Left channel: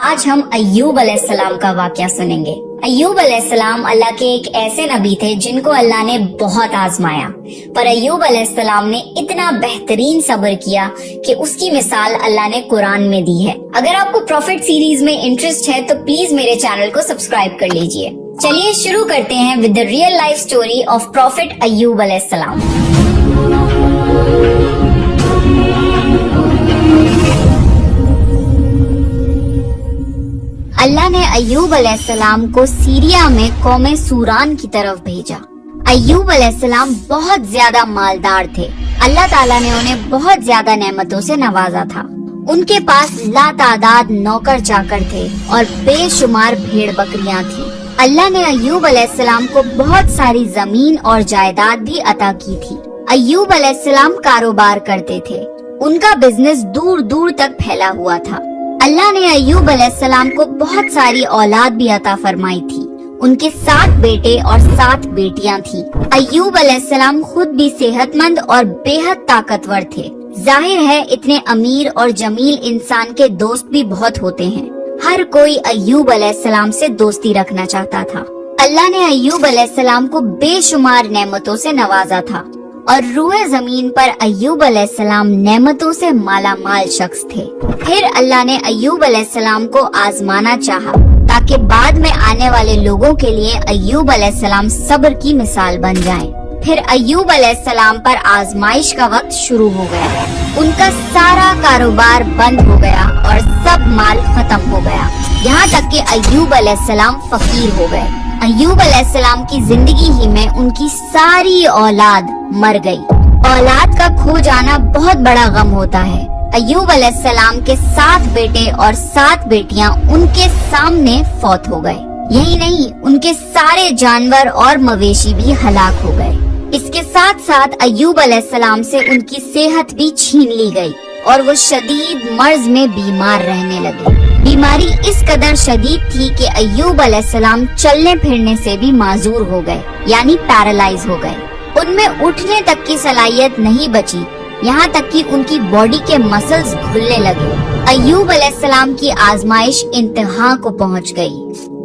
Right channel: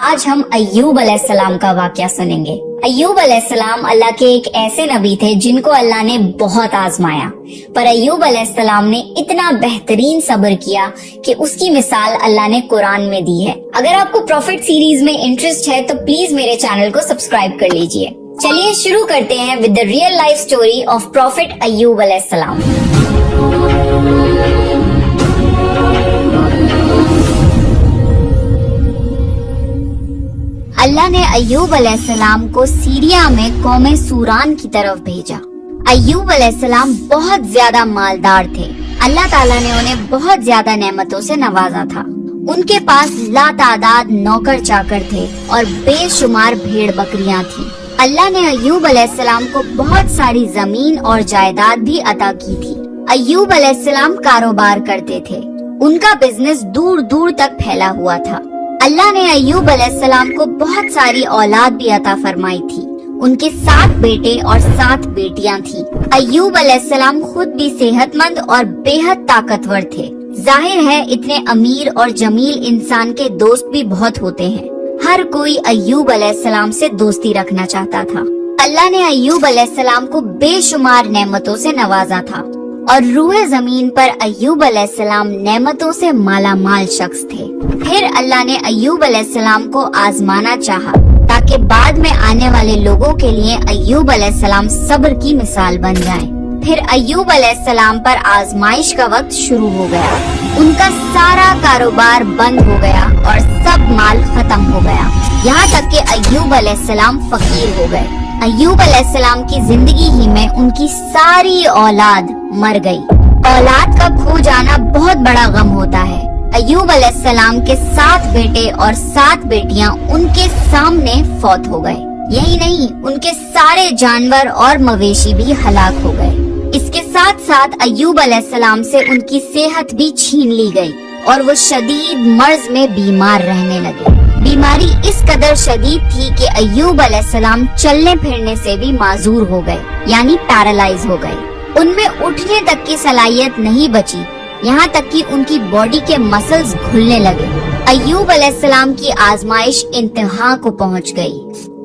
آج ہم ایوب علیہ السلام کا واقعہ سنیں گے۔ ایوب علیہ السلام اللہ کے ایک ایسے نبی تھے جن کو اللہ نے بہت آزمایا، پر ایوب علیہ السلام نے اتنا بہترین صبر کیا کہ اس کی مثال اللہ نے قرآن میں دی ہے۔ اگر آپ کو پروفٹ سیریز میں انٹرسٹ ہے تو پلیز میرے چینل کو سبسکرائب کر لیجئے۔ چلیے شروع کرتے ہیں with the real life story of prophet Ayub علیہ السلام۔ اللہ نے ایوب علیہ السلام کو سیریا میں قوم سوران کی طرف بھیجا۔ ایوب علیہ السلام بہت زیادہ مالدار تھے۔ اللہ تعالیٰ نے انہیں بہت زیادہ نعمتوں سے نوازا تھا۔ ان کے پاس لا تعداد نوکر چاکر تھے اور بے شمار بھیڑ بکریاں تھیں۔ اللہ نے ایوب علیہ السلام کو بہت ساری زمین اور جائیداد بھی عطا کی تھی۔ ایوب علیہ السلام کاروبار کرتے تھے۔ ان کا بزنس دور دور تک پھیلا ہوا تھا۔ اللہ نے ایوب علیہ السلام کو بہت ساری اولاد بھی عطا فرمائی تھی۔ ان کے 7 بیٹے اور 7 بیٹیاں تھیں۔ ایوب علیہ السلام خود بھی صحت مند اور بے حد طاقتور تھے۔ ظاہر ہے اتنے امیر اور جمیل انسان کے دوست بھی بہت ہوتے ہیں۔ ہر کوئی ایوب علیہ السلام سے دوستی رکھنا چاہتا تھا۔ اللہ نے ایوب علیہ السلام کو بے شمار نعمتوں سے نوازا تھا اور روئے زمین پر ایوب علیہ السلام نعمتوں سے مالا مال شخص تھے۔ پھر اللہ نے ایوب علیہ السلام کو آزمانا چاہا تاکہ بعد میں آنے والے لوگوں کے لیے ایوب علیہ السلام صبر کی مثال بن جائیں۔ پھر ایوب علیہ السلام پر آزمائش کا وقت شروع ہو گیا۔ ان کا سارا کاروبار بند ہو گیا اور سب مال ختم ہو گیا، یہاں تک کہ ایوب علیہ السلام فقیر ہو گئے۔ ایوب علیہ السلام کی زندگی ہی میں ان کی ساری اولاد مر گئی۔ اولاد کا کھو جانا بہت بڑا غم ہوتا ہے۔ ایوب علیہ السلام کے 7 بیٹے اور 7 بیٹیاں ان کے سامنے فوت ہو گئے۔ یہی نہیں، ان کے سارے جانور اور مویشی بھی ہلاک ہو گئے۔ اس کے ساتھ ساتھ ایوب علیہ السلام سے ان کی صحت بھی چھین لی گئی اور وہ شدید مرض میں بیمار رہنے لگے۔ بیماری اس قدر شدید تھی کہ ایوب علیہ السلام چلنے پھرنے سے بھی معذور ہو گئے، یعنی پیرالائز ہو گئے۔ ان میں اٹھنے تک کی صلاحیت نہیں بچی، یہاں تک کہ ان کی باڈی کے مسلز کھلنے لگے۔ ایوب علیہ السلام کی آزمائش انتہا کو پہنچ گئی۔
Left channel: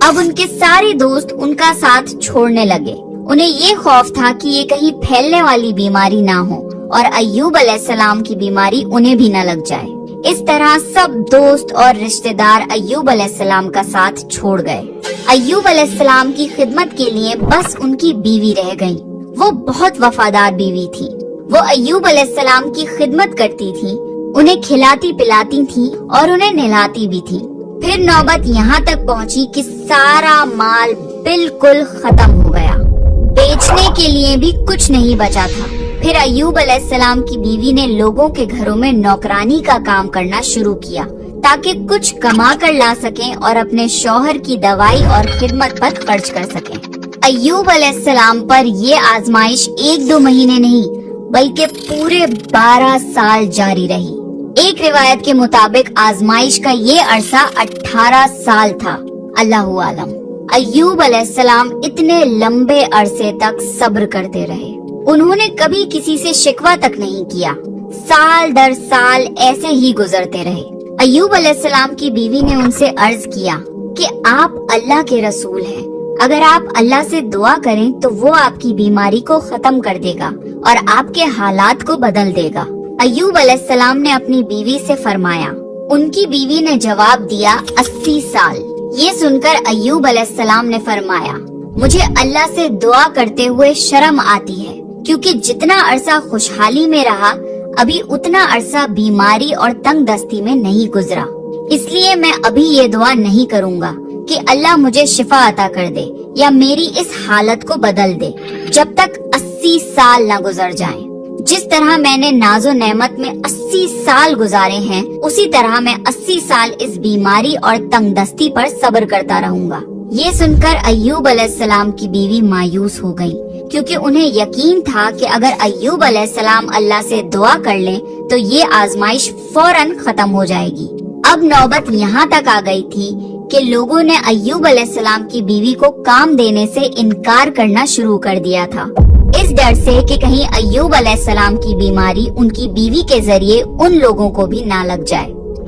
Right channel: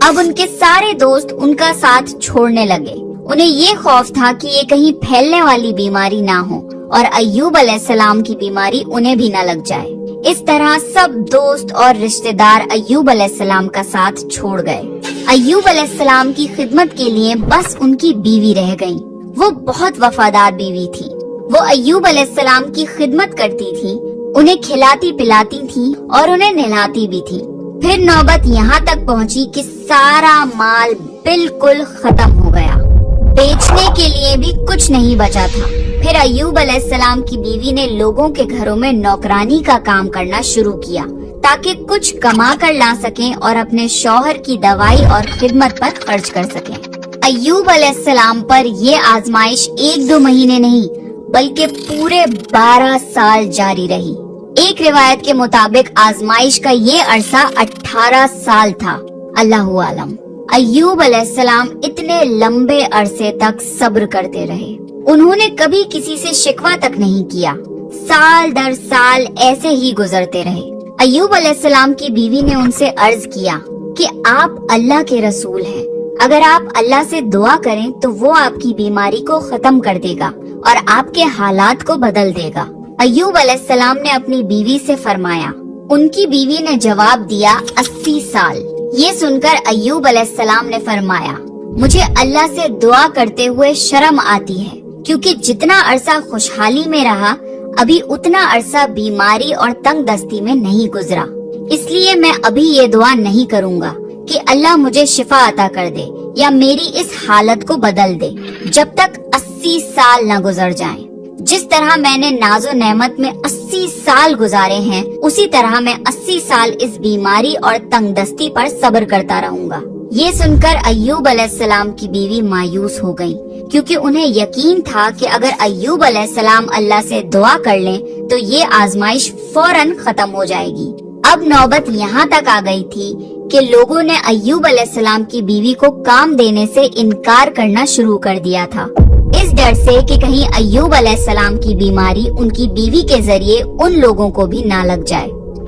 اب ان کے سارے دوست ان کا ساتھ چھوڑنے لگے۔ انہیں یہ خوف تھا کہ یہ کہیں پھیلنے والی بیماری نہ ہو اور ایوب علیہ السلام کی بیماری انہیں بھی نہ لگ جائے۔ اس طرح سب دوست اور رشتہ دار ایوب علیہ السلام کا ساتھ چھوڑ گئے۔ ایوب علیہ السلام کی خدمت کے لیے بس ان کی بیوی رہ گئی۔ وہ بہت وفادار بیوی تھی۔ وہ ایوب علیہ السلام کی خدمت کرتی تھی، انہیں کھلاتی پلاتی تھی اور انہیں نہلاتی بھی تھی۔ پھر نوبت یہاں تک پہنچی کہ سارا مال بالکل ختم ہو گیا، بیچنے کے لیے بھی کچھ نہیں بچا تھا۔ پھر ایوب علیہ السلام کی بیوی نے لوگوں کے گھروں میں نوکرانی کا کام کرنا شروع کیا تاکہ کچھ کما کر لا سکیں اور اپنے شوہر کی دوائی اور خدمت پر خرچ کر سکیں۔ ایوب علیہ السلام پر یہ آزمائش 1-2 مہینے نہیں بلکہ پورے 12 سال جاری رہی۔ ایک روایت کے مطابق آزمائش کا یہ عرصہ 18 سال تھا۔ اللہ عالم۔ ایوب علیہ السلام اتنے لمبے عرصے تک صبر کرتے رہے۔ انہوں نے کبھی کسی سے شکوہ تک نہیں کیا۔ سال در سال ایسے ہی گزرتے رہے۔ ایوب علیہ السلام کی بیوی نے ان سے عرض کیا کہ آپ اللہ کے رسول ہیں، اگر آپ اللہ سے دعا کریں تو وہ آپ کی بیماری کو ختم کر دے گا اور آپ کے حالات کو بدل دے گا۔ ایوب علیہ السلام نے اپنی بیوی سے فرمایا۔ ان کی بیوی نے جواب دیا 80 سال۔ یہ سن کر ایوب علیہ السلام نے فرمایا، مجھے اللہ سے دعا کرتے ہوئے شرم آتی ہے، کیونکہ جتنا عرصہ خوشحالی میں رہا ابھی اتنا عرصہ بیماری اور تنگ دستی میں نہیں گزرا۔ اس لیے میں ابھی یہ دعا نہیں کروں گا کہ اللہ مجھے شفا عطا کر دے یا میری اس حالت کو بدل دے جب تک 80 سال نہ گزر جائیں۔ جس طرح میں نے ناز و نعمت میں 80 سال گزارے ہیں، اسی طرح میں 80 سال اس بیماری اور تنگ دستی پر صبر کرتا رہوں گا۔ یہ سن کر ایوب علیہ السلام کی بیوی مایوس ہو گئی، کیونکہ انہیں یقین تھا کہ اگر ایوب علیہ السلام اللہ سے دعا کر لیں تو یہ آزمائش فوراً ختم ہو جائے گی۔ اب نوبت یہاں تک آ گئی تھی کہ لوگوں نے ایوب علیہ السلام کی بیوی کو کام دینے سے انکار کرنا شروع کر دیا تھا، اس ڈر سے کہ کہیں ایوب علیہ السلام کی بیماری ان کی بیوی کے ذریعے ان لوگوں کو بھی نہ لگ جائے۔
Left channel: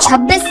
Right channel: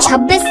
26